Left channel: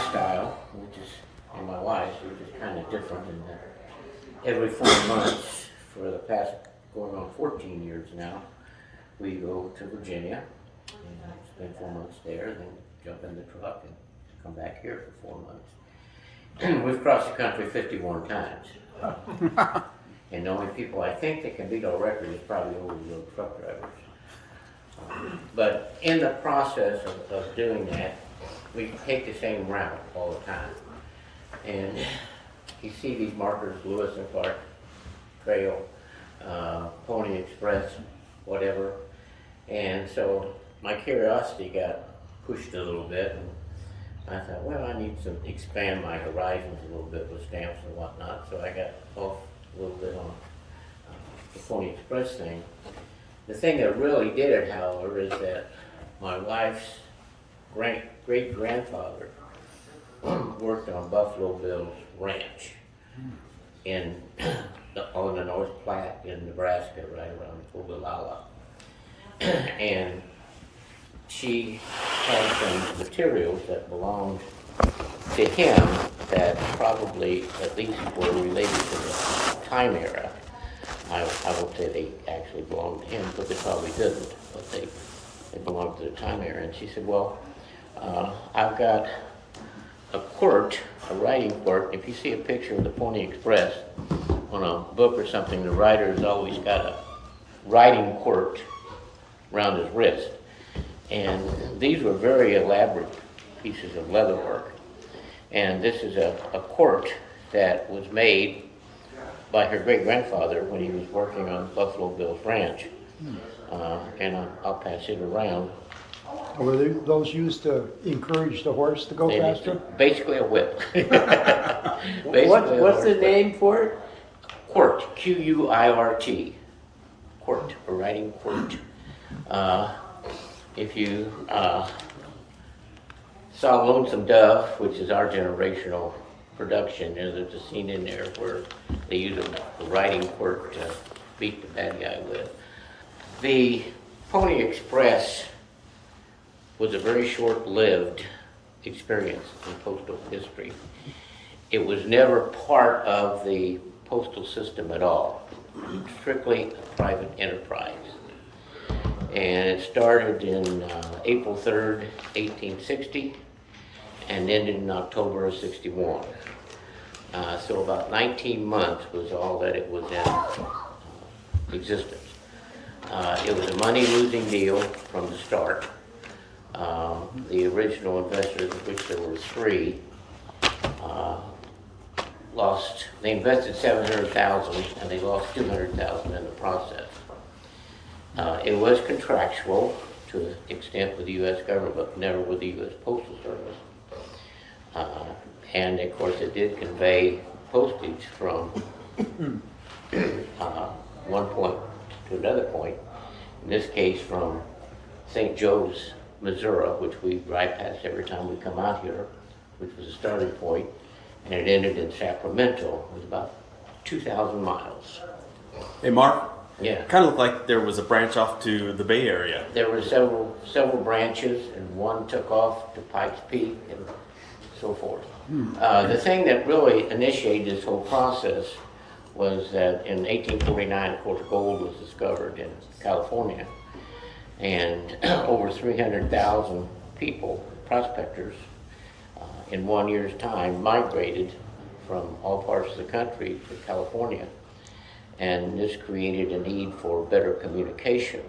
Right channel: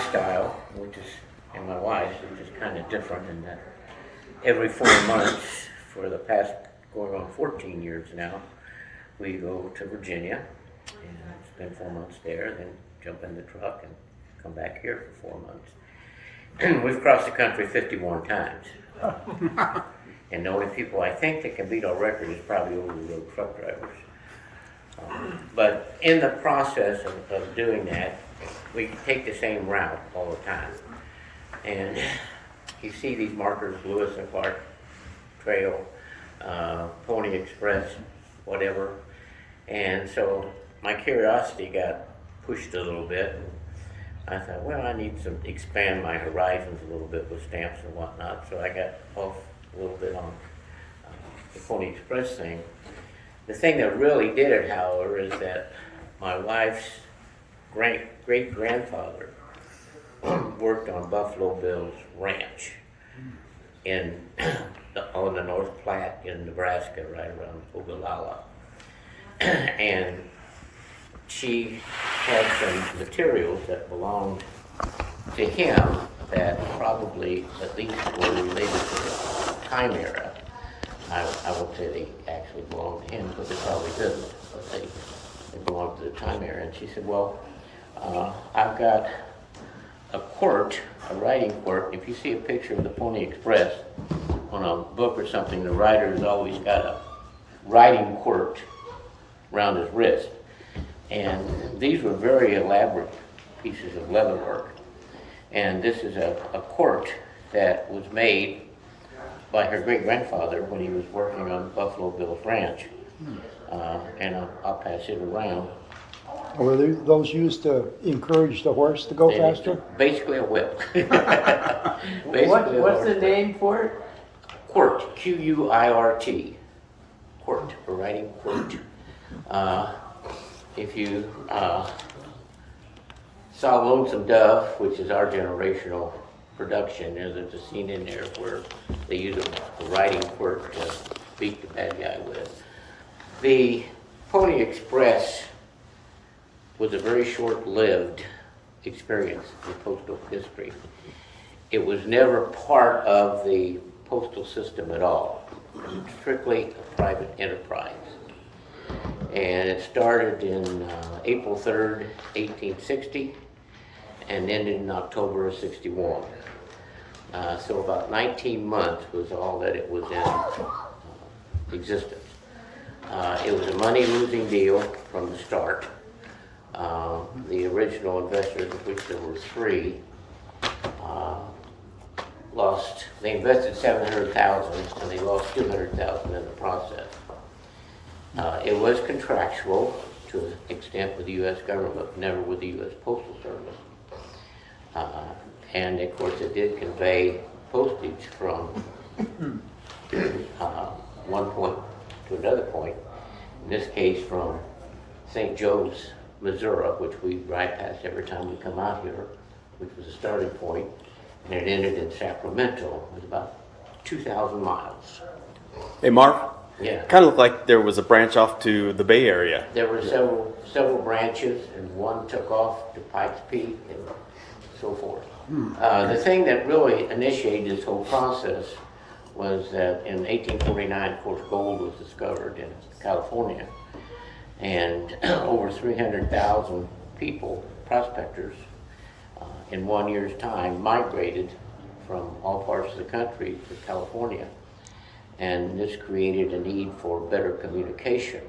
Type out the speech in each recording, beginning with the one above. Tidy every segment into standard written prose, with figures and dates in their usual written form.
lifestyle, which is, and my wife's, which is kind of different in that every 4 months for the past going on 14 years now, we go to Virginia and spend 4 months there, then jump in the truck and come back here for 4 months. We've crossed the country 51 times. And the only people I think that can beat our record is probably over-the-road truck drivers. But in the process of doing that, we take the same route all the time. And you see these markers, Lewis and Clark Trail, Pony Express, whatever. And so my curiosity got pushed a little bit, and I thought, well, I need to expand my horizons a little bit with stamps and whatnot. So I got off a little bit on the Pony Express thing. The thing that really did it, however, is that my wife's great-grandfather worked on Buffalo Bill's ranch on the North Platte in Nebraska, right around Ogallala. And she had some materials that belonged to him that probably at least were related to the time era. I won't say they actually belonged to him, but they probably didn't, but they belonged to the time era. And she said, well, I've got a quirt, a writing quirt. If you see a picture of the Pony Express on a book or something, the writer's always got a writing quirt around his wrist. And these were very elaborate pieces of leather work. And this is a quirt that was made by her great-grandfather when he was working on Buffalo Bill's ranch. And I'll pass it around. Were those used to encourage the horse to go faster? Basically a whip. What's the name for it? Quirt, Q-U-I-R-T. Quirt, a writing quirt. If you saw Lonesome Dove, which is our generational production, there's a scene in there where they use a writing quirt to beat the bad guy with. The Pony Express was a very short-lived experience in postal history. It was never part of the postal system at all. Strictly a private enterprise. And it started in April 3rd, 1860, and ended in October of 61. So about 19 months was all that it was in existence. It was a money-losing deal from the start. The original investors, of which there were 3, they invested $700,000 and they lost $200,000 in the process. It was contractual to an extent with the U.S. government, but never with the U.S. Postal Service. And of course it did convey postage from one point to another point. In this case from St. Joe's, Missouri, which we drive past every time we come out here, which was a starting point, and it ended in Sacramento. It was about 2,000 miles. Hey, Mark. Yeah. Kind of looked like there was a branch off to the Bay Area. There were several branches, and one took off to Pikes Peak and so forth. The thing that really initiated this whole process was that in 1849, of course, gold was discovered in California, and over 300,000 people, prospectors, in 1 year's time migrated from all parts of the country to California. And this created a need for better communication.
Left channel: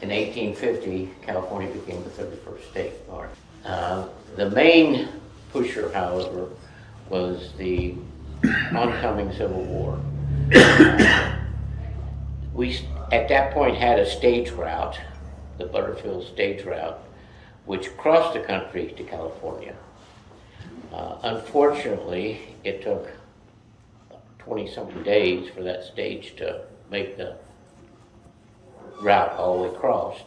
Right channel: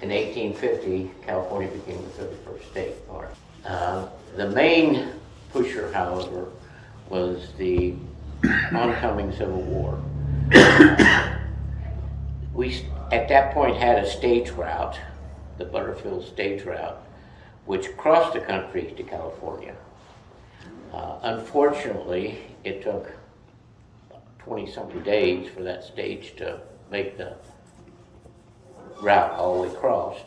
In 1850, California became the 31st state. All right. The main pusher, however, was the oncoming Civil War. We, at that point, had a stage route, the Butterfield stage route, which crossed the country to California. Unfortunately, it took 20-something days for that stage to make the route all the way across,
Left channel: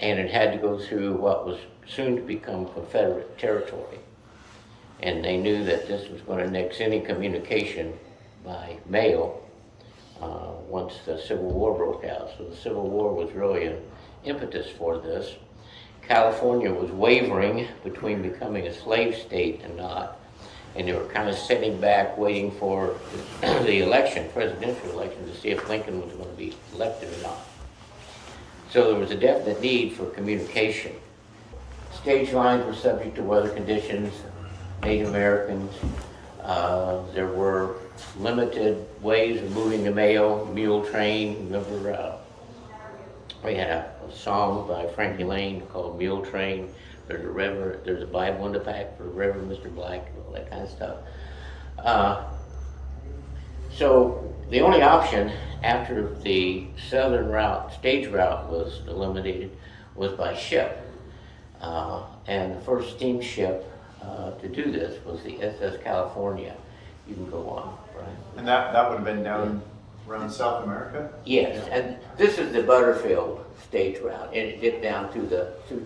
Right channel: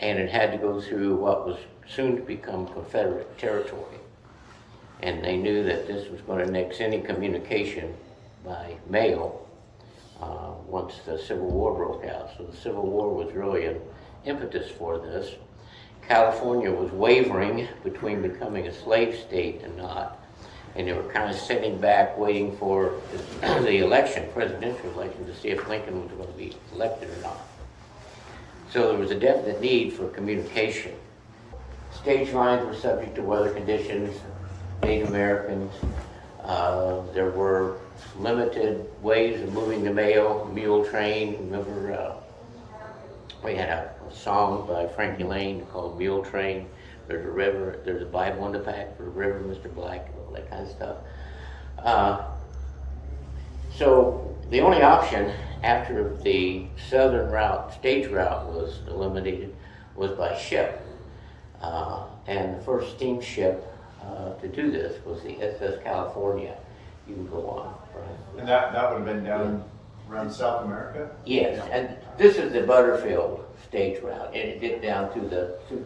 and it had to go through what was soon to become Confederate territory. And they knew that this was going to nix any communication by mail once the Civil War broke out. So the Civil War was really an impetus for this, California was wavering between becoming a slave state and not. And they were kind of sitting back waiting for the election, presidential election, to see if Lincoln was going to be elected or not. So there was a definite need for communication. Stage lines were subject to weather conditions, Native Americans. There were limited ways of moving the mail, mule train. Remember, we had a song by Frankie Lane called Mule Train. There's a Bible in the pack for Reverend Mr. Black and all that kind of stuff. So the only option after the southern route, stage route, was eliminated was by ship. And the first steamship to do this was the SS California. You can go on, right? And that would have been down around South America? Yes, and this is the Butterfield stage route, and it dipped down through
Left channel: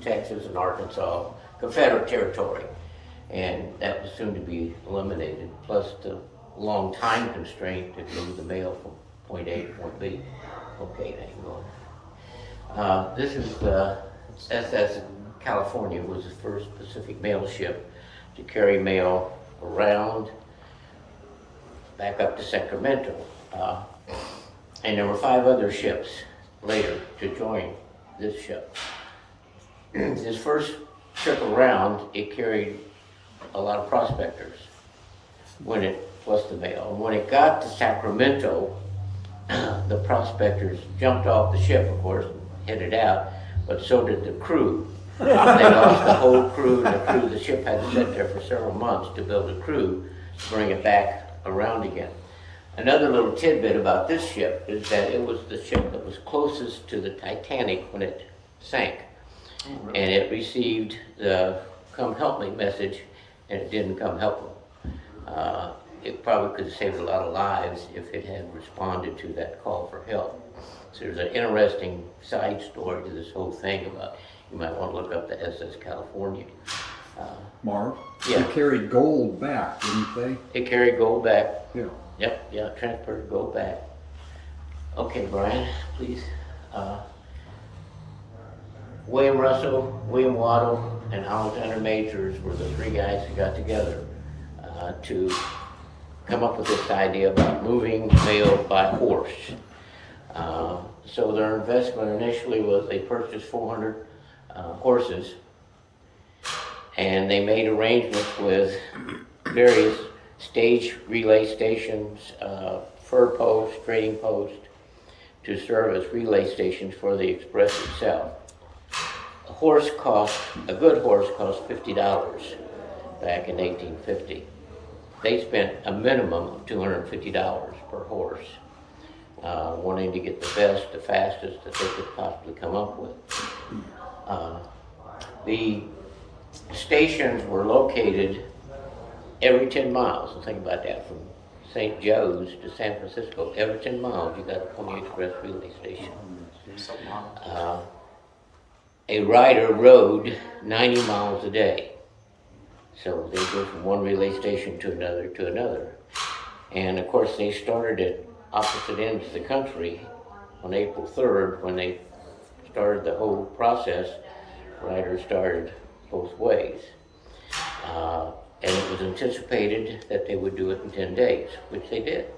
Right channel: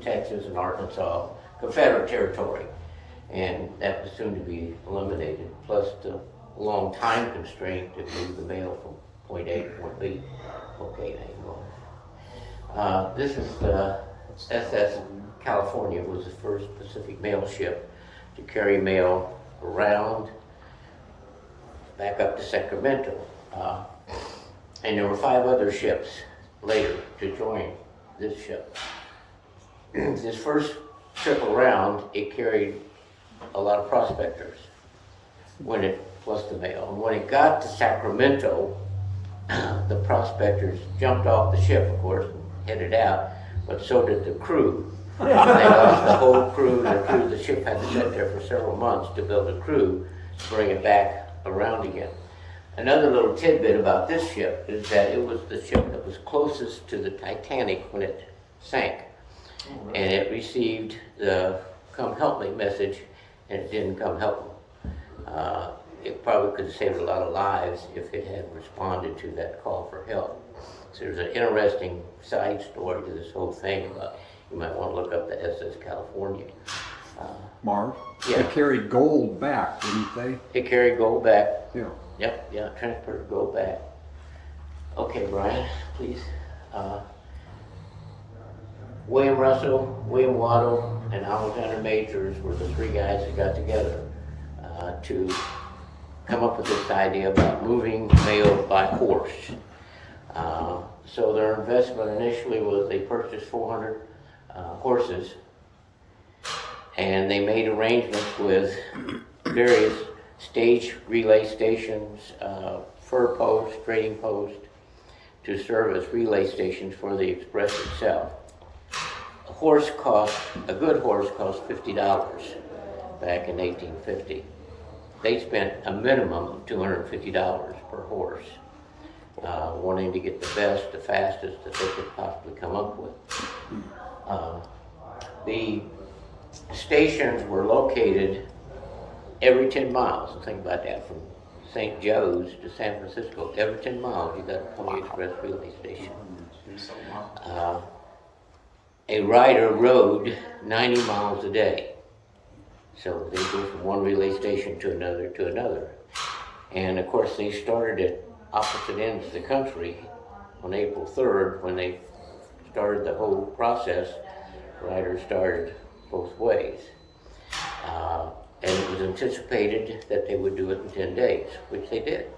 Texas and Arkansas, Confederate territory, and that was soon to be eliminated. Plus the long time constraint to move the mail from point A to point B. Okay, hang on. This is the SS California. Was the first Pacific mail ship to carry mail around back up to Sacramento. And there were 5 other ships later to join this ship. This first trip around, it carried a lot of prospectors plus the mail. And when it got to Sacramento, the prospectors jumped off the ship, of course, and headed out, but so did the crew. They lost the whole crew, and the ship had to sit there for several months to build a crew to bring it back around again. Another little tidbit about this ship is that it was the ship that was closest to the Titanic when it sank. Oh, really? And it received the "come help me" message, and it didn't come help them. It probably could have saved a lot of lives if it had responded to that call for help. So there's an interesting side story to this whole thing. You might want to look up the SS California. Marv, Yeah. they carried gold back, didn't they? It carried gold back. Yeah. Yep, yeah, transported gold back. Okay, Brian, please. William Russell, William Waddell, and Alexander Majors were the 3 guys that got together to come up with this idea about moving mail by horse. So their investment initially was they purchased 400 horses, and they made arrangements with various stage relay stations, fur posts, trading posts, to serve as relay stations for the express itself. A good horse cost $50 back in 1850. They spent a minimum of $250 per horse, wanting to get the best, the fastest that they could possibly come up with. The stations were located every 10 miles. So think about that, from St. Joe's to San Francisco, every 10 miles you got a Pony Express relay station. A rider rode 90 miles a day. So they go from one relay station to another. And of course they started at opposite ends of the country on April 3rd when they started the whole process. Riders started both ways. And it was anticipated that they would do it in 10 days, which they did.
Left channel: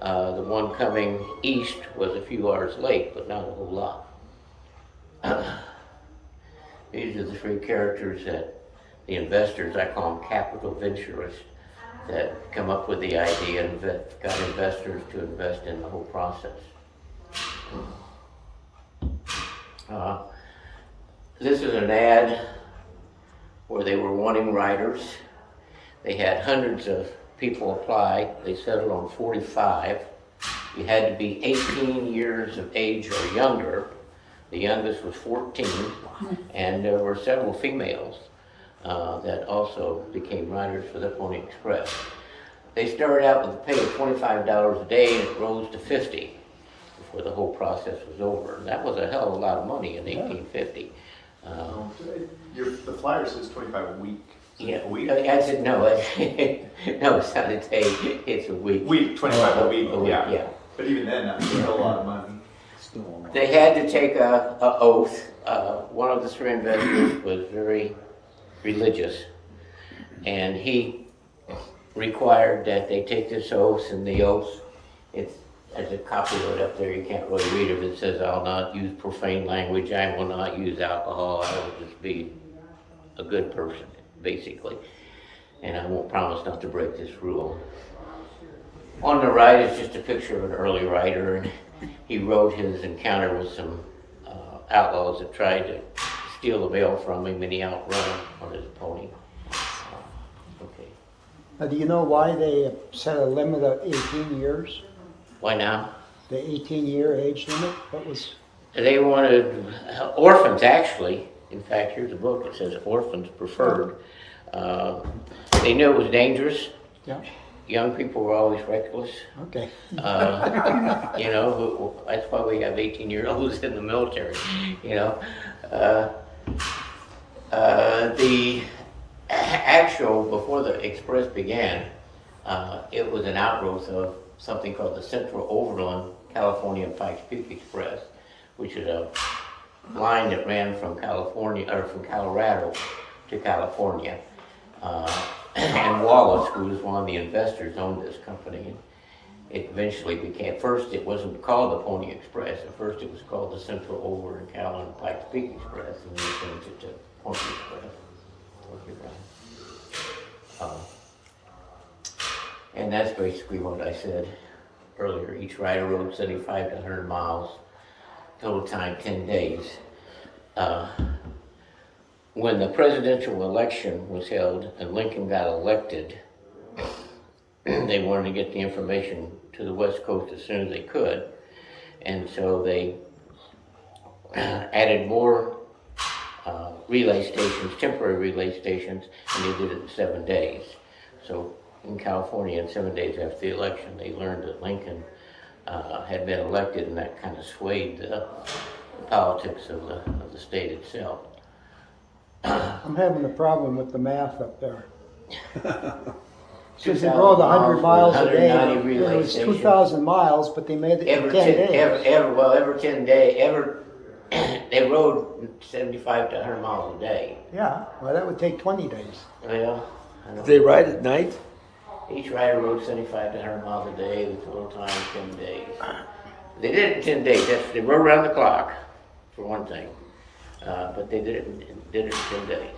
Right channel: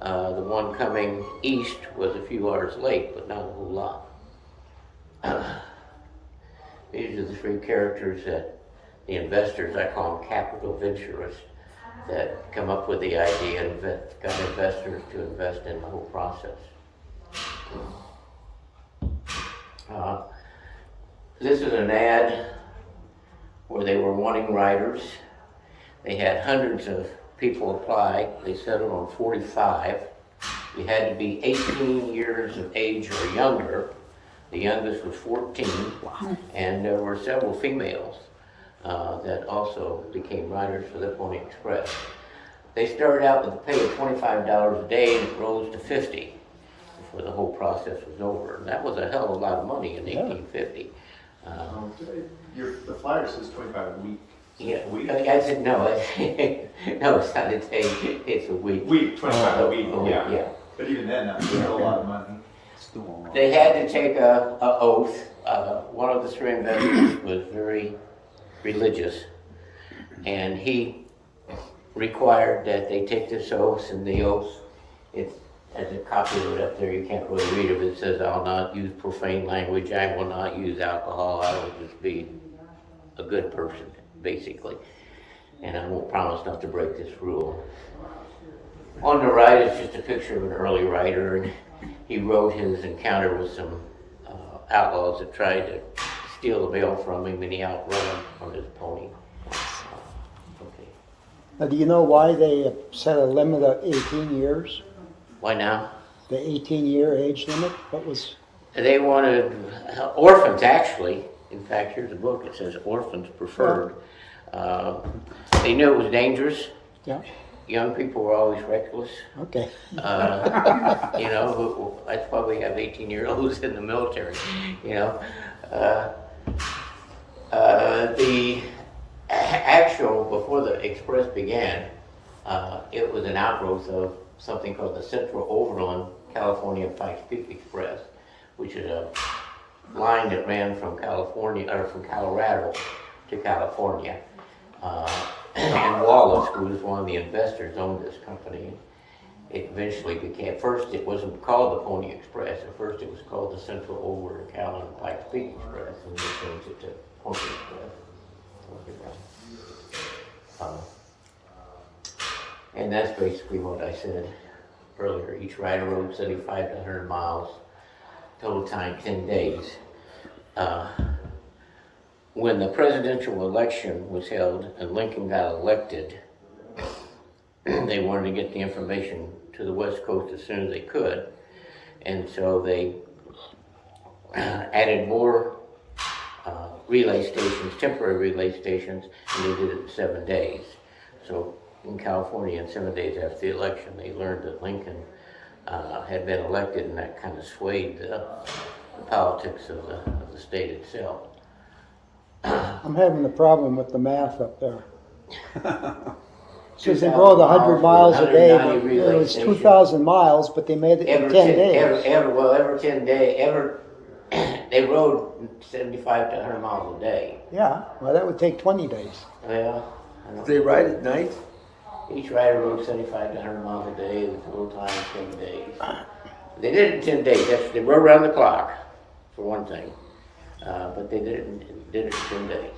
The one coming east was a few hours late, but not a whole lot. These are the 3 characters that the investors, I call them capital venturists, that come up with the idea and got investors to invest in the whole process. This is an ad where they were wanting riders. They had hundreds of people apply. They settled on 45. You had to be 18 years of age or younger. The youngest was 14, and there were several females that also became riders for the Pony Express. They started out with a pay of $25 a day, and it rose to $50 before the whole process was over. And that was a hell of a lot of money in 1850. The flyer says 25 a week. Yeah, A week? I said no. No, it's not a day. It's a week. 25 a week. A week, yeah. But even then, that's still a lot of money. Still on. They had to take a oath. One of the three investors was very religious, and he required that they take this oath, and the oath, it's as a copy of it up there, you can't really read it, but it says, "I'll not use profane language, I will not use alcohol, I will just be a good person," basically. And I won't promise not to break this rule. On the right is just a picture of an early writer, and he wrote his encounter with some outlaws that tried to steal the mail from him, and he outran them on his pony. Now, do you know why they set a limit of 18 years? Why now? The 18-year age limit? That was. They wanted orphans, actually. In fact, here's a book that says orphans preferred. They knew it was dangerous. Yeah. Young people were always reckless. Okay. You know, that's why we have 18-year-olds in the military. You know, the actual before the Express began, it was an outgrowth of something called the Central Overland California and Pikes Peak Express, which is a line that ran from California or from Colorado to California. And Wallace, who was one of the investors, owned this company. It eventually became, first it wasn't called the Pony Express, at first it was called the Central Overland Cal and Pikes Peak Express, and they changed it to Pony Express. And that's basically what I said earlier. Each rider rode 75 to 100 miles, total time 10 days. When the presidential election was held and Lincoln got elected, they wanted to get the information to the West Coast as soon as they could. And so they added more relay stations, temporary relay stations, and they did it in 7 days. So in California, in 7 days after the election, they learned that Lincoln had been elected, and that kind of swayed the politics of the state itself. I'm having a problem with the math up there. Since they rode 100 miles a day, it was 2,000 miles, but they made it in 10 days. Every 10 days, they rode 75 to 100 miles a day. Yeah, well, that would take 20 days. Well, Did they ride at night? each rider rode 75 to 100 miles a day with total time 10 days. They did it in 10 days. They rode around the clock, for one thing. But they did it in 10 days.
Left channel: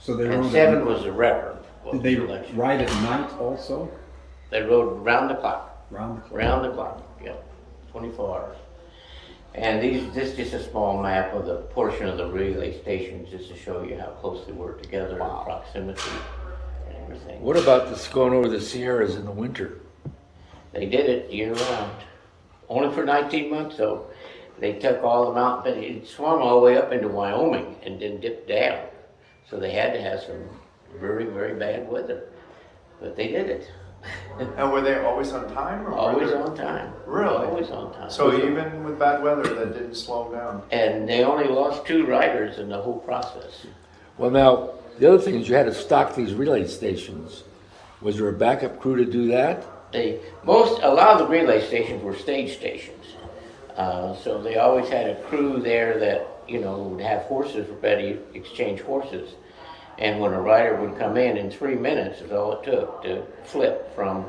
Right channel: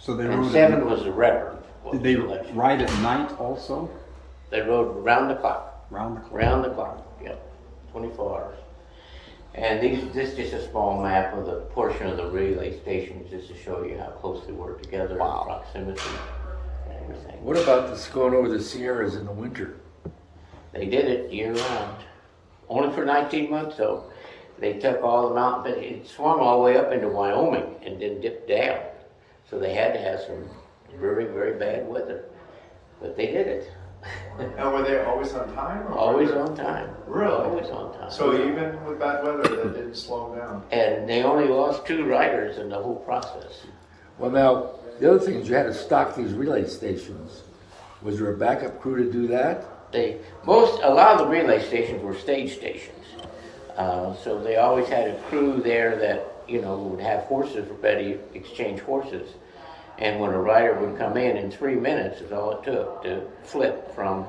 So they And rode. 7 was the record. Did they ride at night also? They rode round the clock. Round the clock. Round the clock, yeah, 24 hours. And this is just a small map of the portion of the relay stations, just to show you how close they were together in proximity and everything. What about this going over the Sierras in the winter? They did it year round. Only for 19 months though. They took all the mountain, but it swung all the way up into Wyoming and then dipped down. So they had to have some very, very bad weather. But they did it. And were they always on time? Or Always were they- on time. Really? Always on time. So even with bad weather, that didn't slow them down? And they only lost 2 riders in the whole process. Well, now, the other thing is you had to stock these relay stations. Was there a backup crew to do that? A lot of the relay stations were stage stations. So they always had a crew there that, would have horses ready, exchange horses. And when a rider would come in 3 minutes is all it took to flip from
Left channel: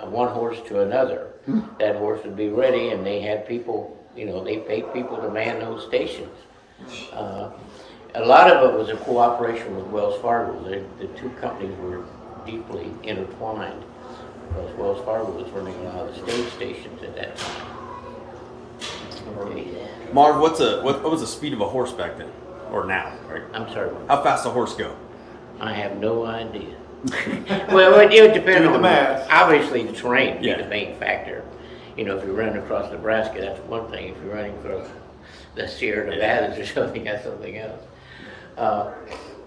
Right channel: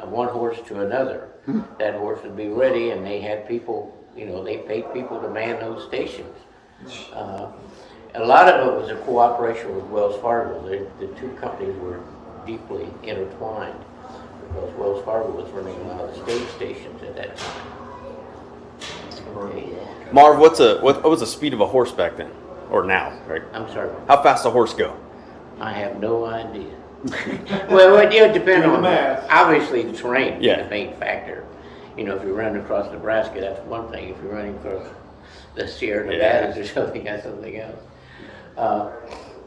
one horse to another. That horse would be ready, and they had people, they paid people to man those stations. A lot of it was a cooperation with Wells Fargo. The 2 companies were deeply intertwined because Wells Fargo was running a lot of the stage stations at that time. Yeah. Marv, what was the speed of a horse back then, or now? Right? I'm sorry. How fast a horse go? I have no idea. Well, it depends Do the on math. obviously the terrain is Yeah. the main factor. If you're running across Nebraska, that's one thing. If you're running across the Sierra Nevadas or something, that's something else.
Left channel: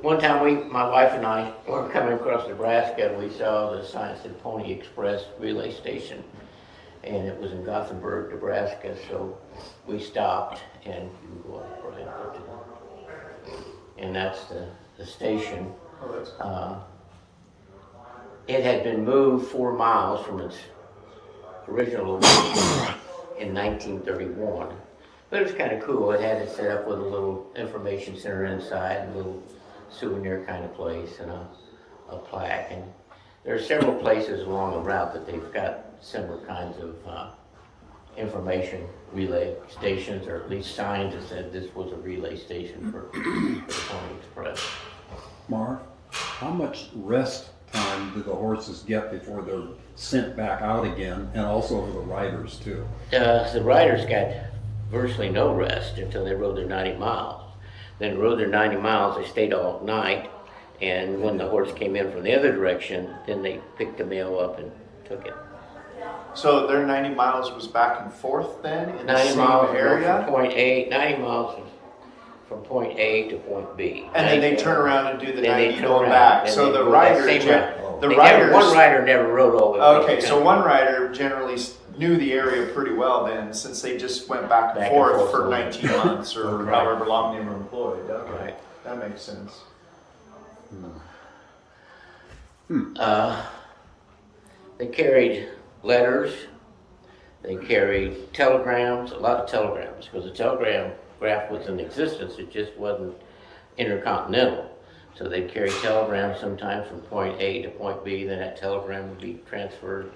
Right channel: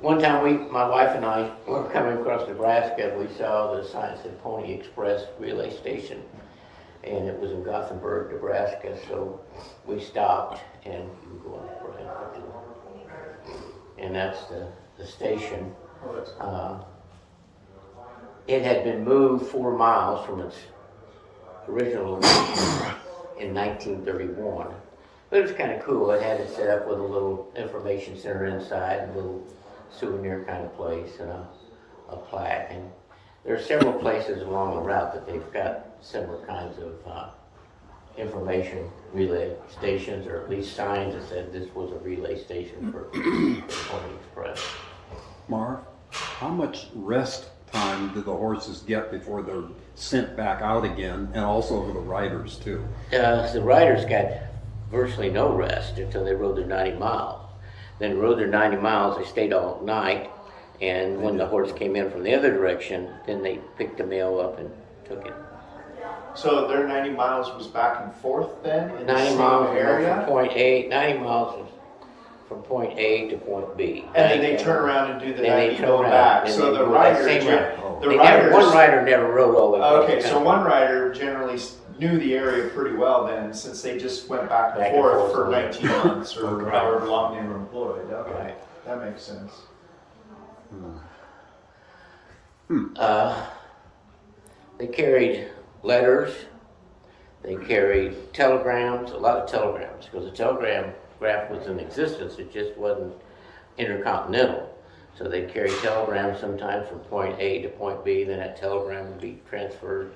One time, my wife and I were coming across Nebraska, and we saw the sign that said Pony Express relay station, and it was in Gothenburg, Nebraska. So we stopped and go up, and that's the station. Oh, that's cool. It had been moved 4 miles from its original location in 1931, But it was kind of cool. It had it set up with a little information center inside, a little souvenir kind of place, and a plaque. And there are several places along the route that they've got similar kinds of information relay stations, or at least signs that said this was a relay station for the Pony Express. Marv, how much rest time do the horses get before they're sent back out again, and also for the riders too? The riders got virtually no rest until they rode their 90 miles. Then they rode their 90 miles, they stayed all night, and when the horse came in from the other direction, then they picked the mail up and took it. So their 90 miles was back and forth then in the 90 same miles area? from point A, 90 miles was from point A to point B. And then they turn around and do the Then they 90 turn going around, back. then So they the go that rider, same route. the One riders. rider never rode all the way across Okay, the so country. one rider generally knew the area pretty well then, since they just went back and forth for 19 months or Right. however long they were employed. Okay, Right. that makes sense. They carried letters, they carried telegrams, a lot of telegrams, because the telegraph was in existence, it just wasn't intercontinental. So they carried telegrams sometimes from point A to point B, then that telegram would be transferred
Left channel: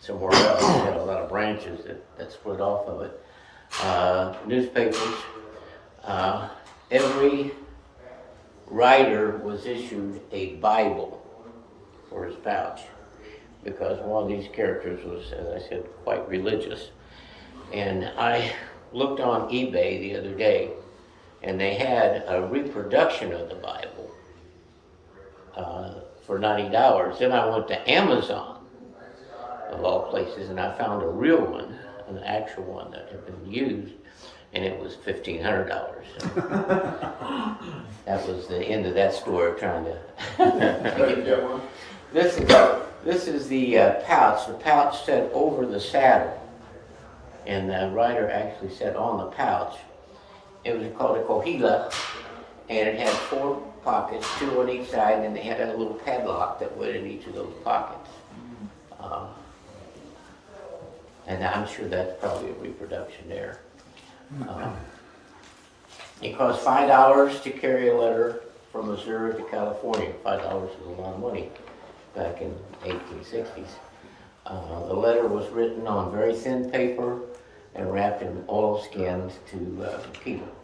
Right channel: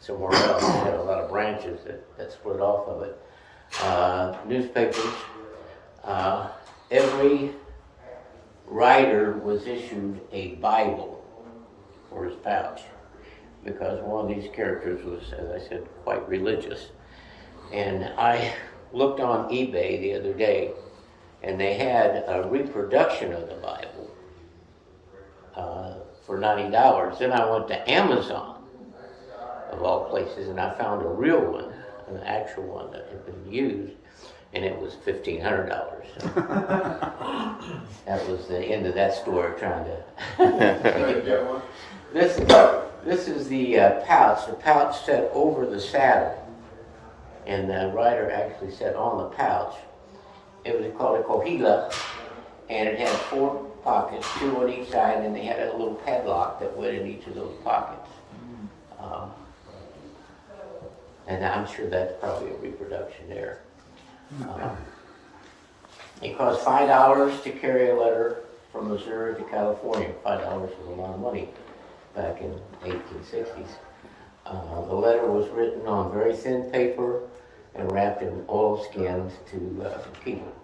somewhere else. They had a lot of branches that split off of it. Newspapers, every rider was issued a Bible for his pouch, because one of these characters was, as I said, quite religious. And I looked on eBay the other day, and they had a reproduction of the Bible for $90. Then I went to Amazon, of all places, and I found a real one, an actual one that had been used, and it was $1,500. So that was the end of that story, trying to This is the pouch. The pouch set over the saddle, and the rider actually sat on the pouch. It was called a cohila, and it had 4 pockets, 2 on each side, and they had a little padlock that went in each of those pockets. And I'm sure that's probably a reproduction there. It cost $5 to carry a letter from Missouri to California. $5 was a lot of money back in the 1860s. The letter was written on very thin paper and wrapped in oilskins to keep it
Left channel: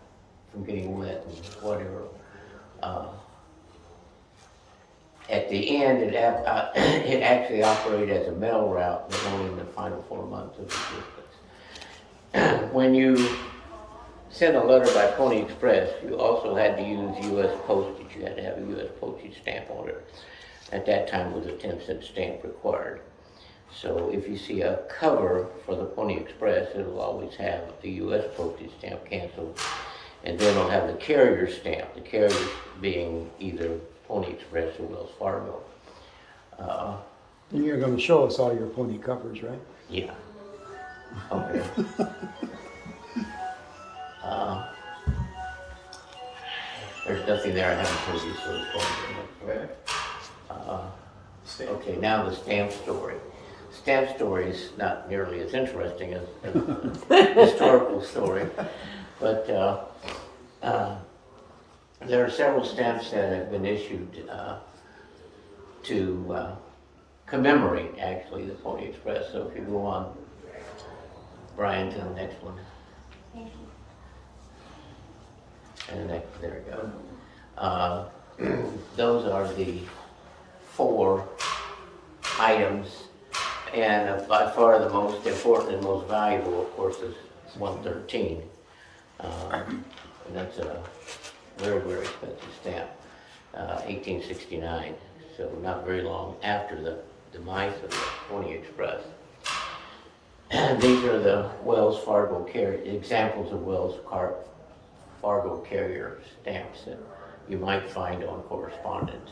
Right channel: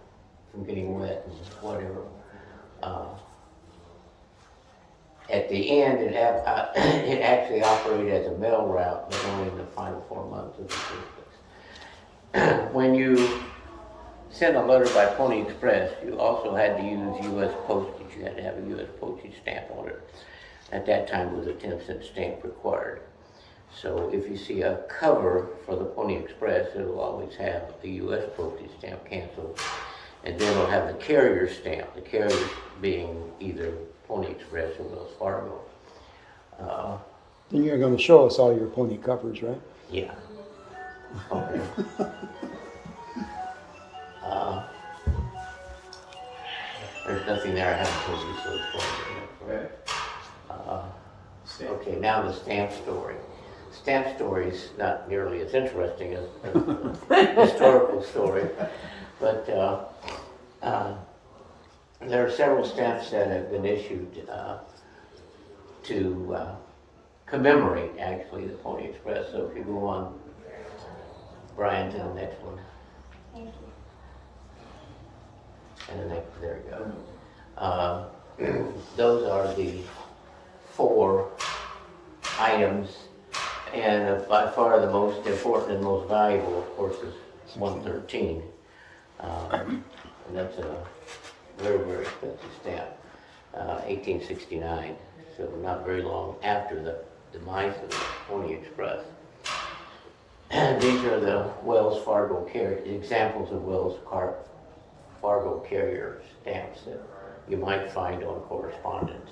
from getting wet and whatever. At the end, it actually operated as a mail route, but only in the final 4 months of existence. When you sent a letter by Pony Express, you also had to use U.S. postage. You had to have a U.S. postage stamp on it. At that time, it was a 10-cent stamp required. So if you see a cover for the Pony Express, it'll always have the U.S. postage stamp canceled, and then it'll have the carrier stamp, the carrier being either Pony Express or Wells Fargo. Then you're gonna show us all your pony covers, right? Yeah. Okay. There's nothing there I haven't told you, so it's going Okay. Okay, now the stamp story. Stamp story is not nearly as interesting as a historical story, but there are several stamps that have been issued to commemorate, actually, the Pony Express. So if you go on, Brian, to the next one. And the next, there we go. Those are the 4 items, and by far the most important and most valuable, of course, is 113. And that's a very, very expensive stamp, 1869, so not very long after the demise of the Pony Express. And these are the Wells Fargo examples of Wells Fargo carrier stamps that you might find on correspondence.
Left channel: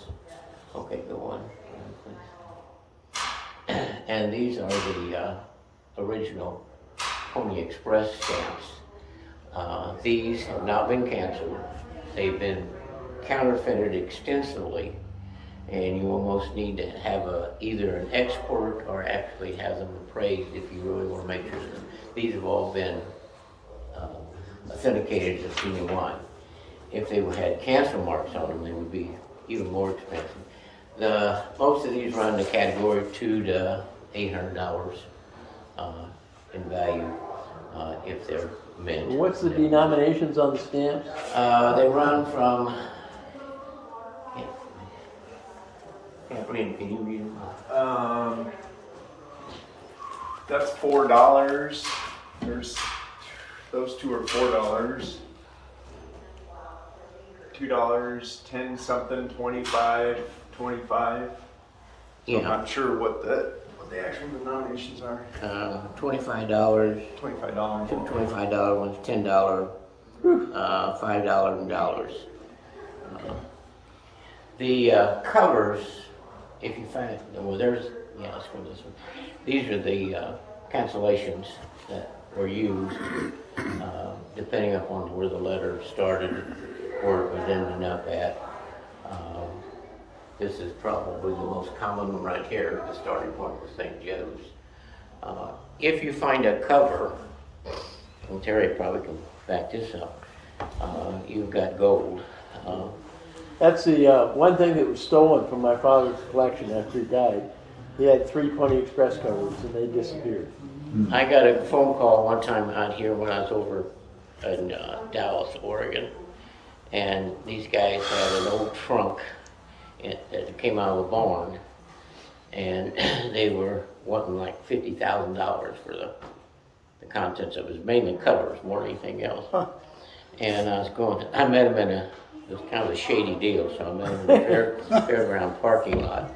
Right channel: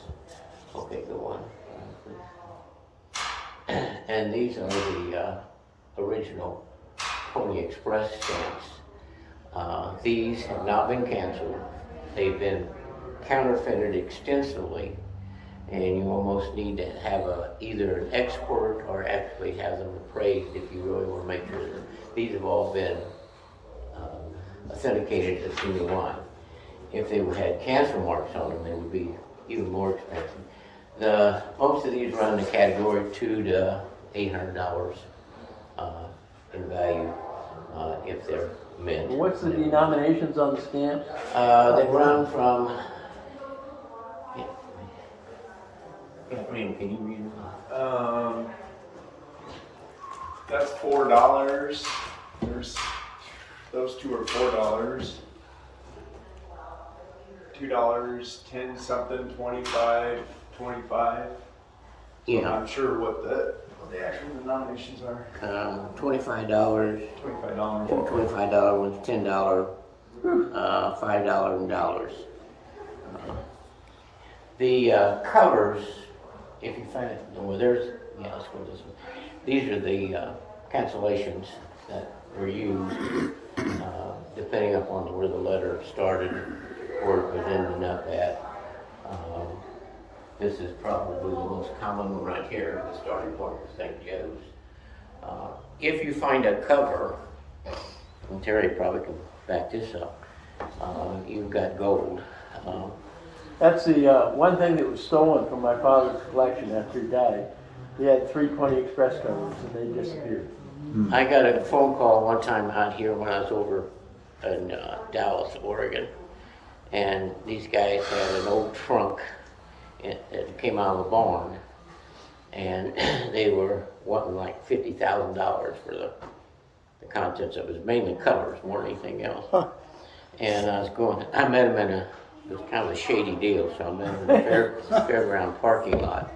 Okay, go on. And these are the original Pony Express stamps. These have not been canceled. They've been counterfeited extensively, and you almost need to have either an expert or actually have them appraised if you really want to make sure that these have all been authenticated as genuine. If they had cancer marks on them, they would be even more expensive. Most of these run the category $200 to $800 in value if they're mint. What's the denominations on the stamps? They run from. Can't read. Can you read it? That's $4. There's those two are $4. $2, 10 something, 25, 25. Yeah. I'm not sure what the actual denominations are. $25. $25. $25 ones, $10, $5 and dollars. The covers, if you find it, well, let's go this one. These are the cancellations that were used depending upon where the letter started or it was ending up at. This is probably the most common one right here. The starting point was St. Joe's. If you find a cover, and Terry probably can back this up, you've got gold. That's the one thing that was stolen from my father's collection after he died. He had 320 Express covers and they disappeared. I got a phone call one time out here when I was over in Dallas, Oregon, and these guys had an old trunk that came out of a barn, and they were wanting like $50,000 for the contents of it. It was mainly covers more than anything else. And I met him it was kind of a shady deal, so I met him in the fairground parking lot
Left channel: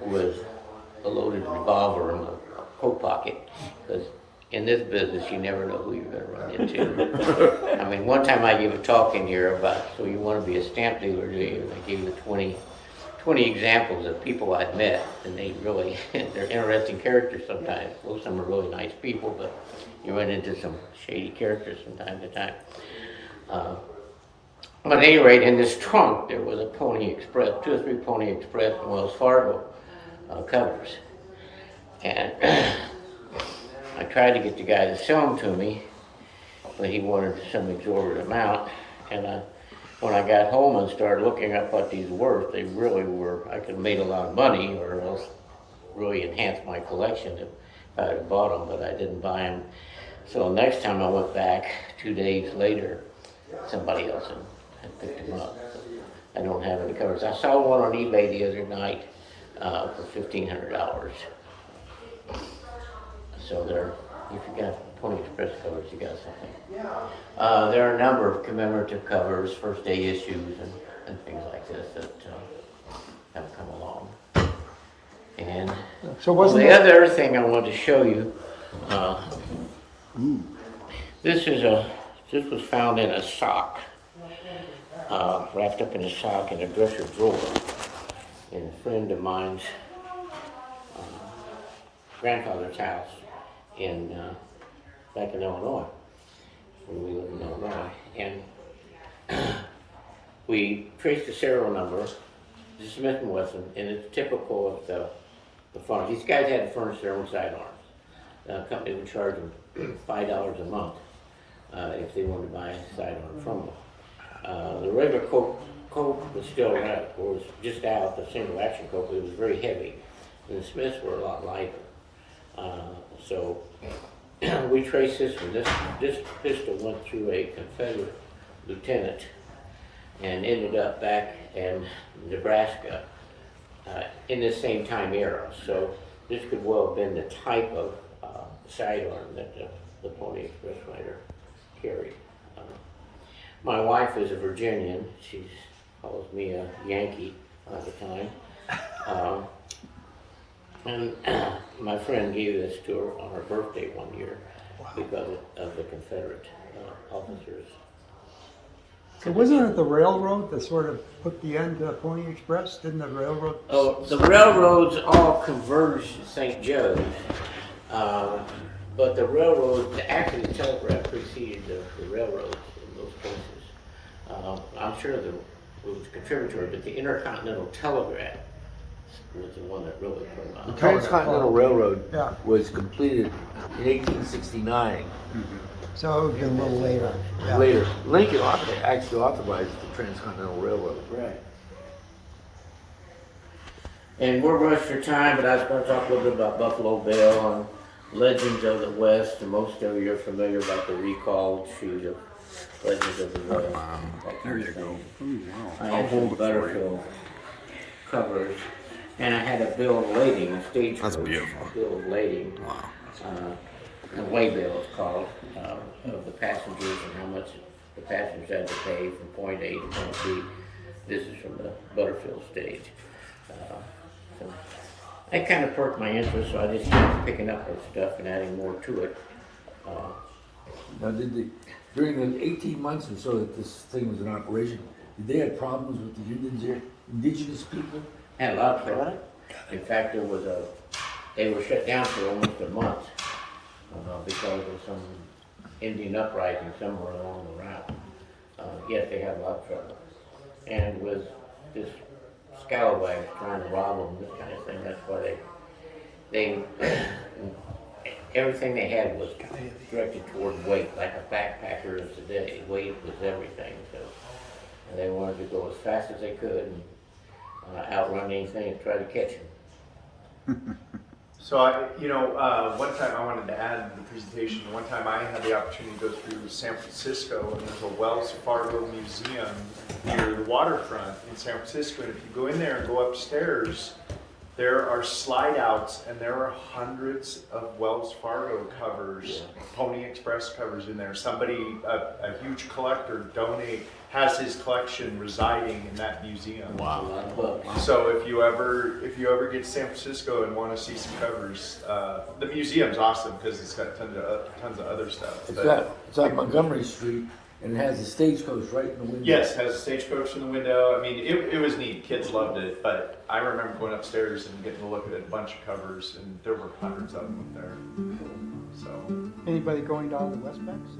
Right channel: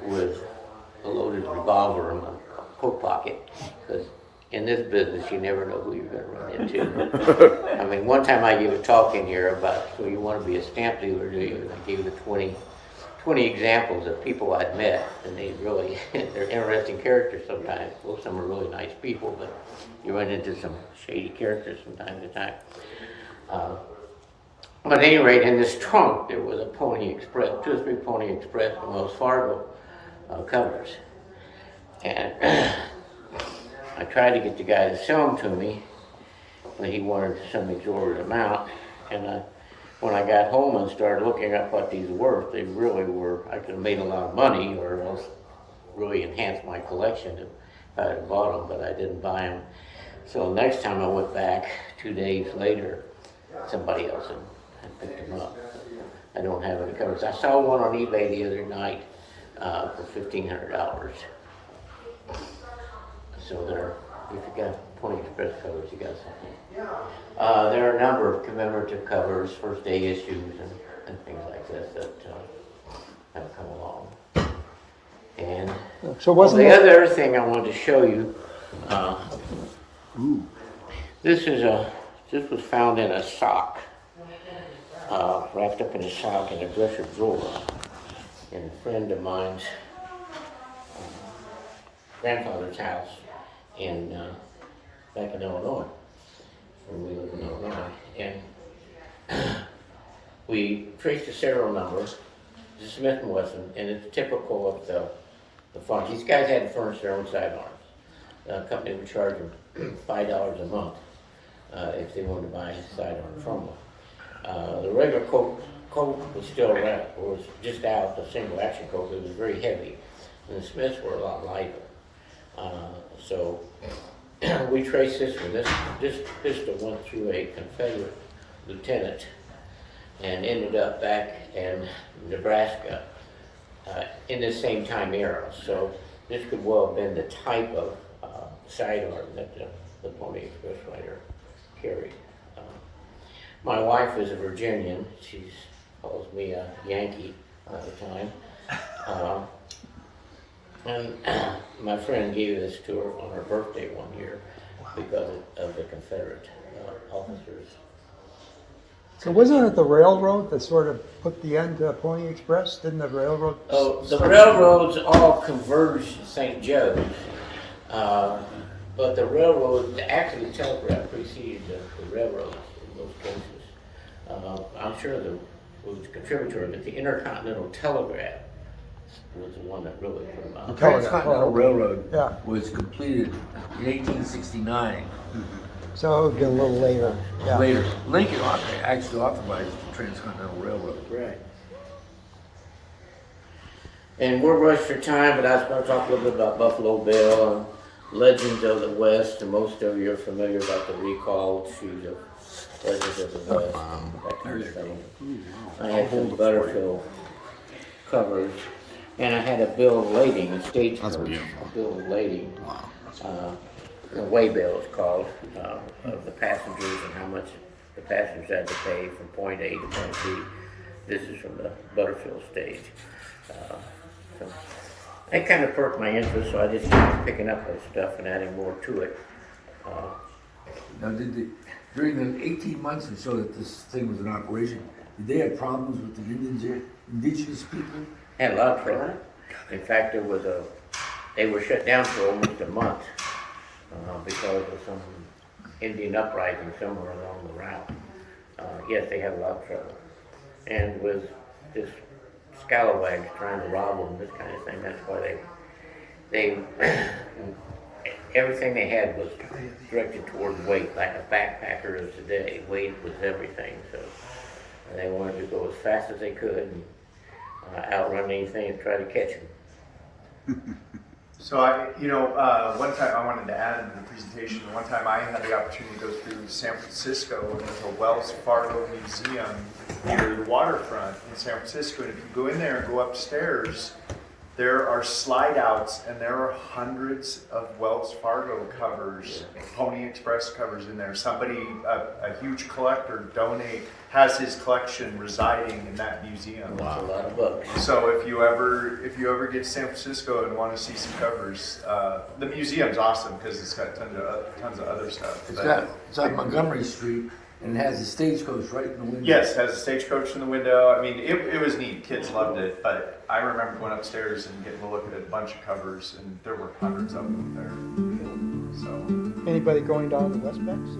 with a loaded revolver in my coat pocket, because in this business you never know who you're going to run into. I mean, one time I gave a talk in here about, so you want to be a stamp dealer, do you? And I gave it 20 examples of people I'd met, and they're interesting characters sometimes. Most of them are really nice people, but you run into some shady characters from time to time. But at any rate, in this trunk, there was a Pony Express, 2 or 3 Pony Express and Wells Fargo covers. And I tried to get the guy to sell them to me, but he wanted some exorbitant amount. And when I got home and started looking up what these were worth, they really were, I could have made a lot of money or else really enhanced my collection if I had bought them, but I didn't buy them. So next time I went back, 2 days later, somebody else had picked them up. I don't have any covers. I saw one on eBay the other night for $1,500. So if you got Pony Express covers, you got something. There are a number of commemorative covers, first day issues, and things like this that have come along. And So wasn't the it- other thing I wanted to show you, this was found in a sock, wrapped up in a sock in a dresser drawer in a friend of mine's grandfather's house back in Illinois, when we lived in Illinois. And we traced the serial number, the Smith & Wesson, and it's typical of the front. These guys had to furnish their own sidearms. The company would charge them $5 a month if they wanted to buy a sidearm from them. The regular coat was still around, was just out, the single action coat, but it was very heavy. And the Smiths were a lot lighter. So we traced this one. This pistol went through a Confederate lieutenant and ended up back in Nebraska in the same time era. So this could well have been the type of sidearm that the Pony Express rider carried. My wife is a Virginian. She calls me a Yankee all the time. And my friend gave this to her on her birthday one year because of the Confederate officers. So wasn't it the railroad that sort of put the end to Pony Express? Didn't the railroad? Oh, the railroads all converged at St. Joe's, but the railroad, actually the telegraph preceded the railroads in those cases. I'm sure it was contributory, but the Intercontinental Telegraph was the one that really put them out. The Transcontinental Railroad Yeah. was completed in 1869. So it would be a little later. Yeah. Later, Lincoln actually authorized the Transcontinental Railroad. Right. And we're rushed for time, but I was gonna talk a little bit about Buffalo Bill and Legends of the West, and most of you are familiar about the recalled sheet of Legends of the West. That kind of thing. I had some Butterfield covers, and I had a bill of lading, a stage. That's beautiful. A bill of lading. Wow. The waybill is called, of the passengers and how much the passengers had to pay from point A to point B. This is from the Butterfield stage. So that kind of perked my interest, so I just started picking up this stuff and adding more to it. Now, during the 18 months or so that this thing was in operation, did they have problems with the indigenous people? Had a lot of trouble. In fact, they were shut down for almost a month because of some Indian uprising somewhere along the route. Yes, they had a lot of trouble. And with this scalawags trying to rob them, this kind of thing, that's why they everything they had was directed toward weight, like a backpacker of today. Weight was everything, so they wanted to go as fast as they could and outrun anything and try to catch them. So one time I wanted to add in the presentation, one time I had the opportunity to go through San Francisco, and there's a Wells Fargo museum near the waterfront in San Francisco. And if you go in there and go upstairs, there are slide outs, and there are hundreds of Wells Fargo covers, Pony Express covers in there. Somebody, a huge collector, has his collection residing in that museum. A lot of bugs. So if you ever get to San Francisco and want to see some covers, the museum's awesome because it's got tons of other stuff. It's on Montgomery Street, and it has a stagecoach right in the window. Yes, has a stagecoach in the window. I mean, it was neat. Kids loved it. But I remember going upstairs and getting to look at a bunch of covers, and there were hundreds of them there. So Anybody going down to West Banks?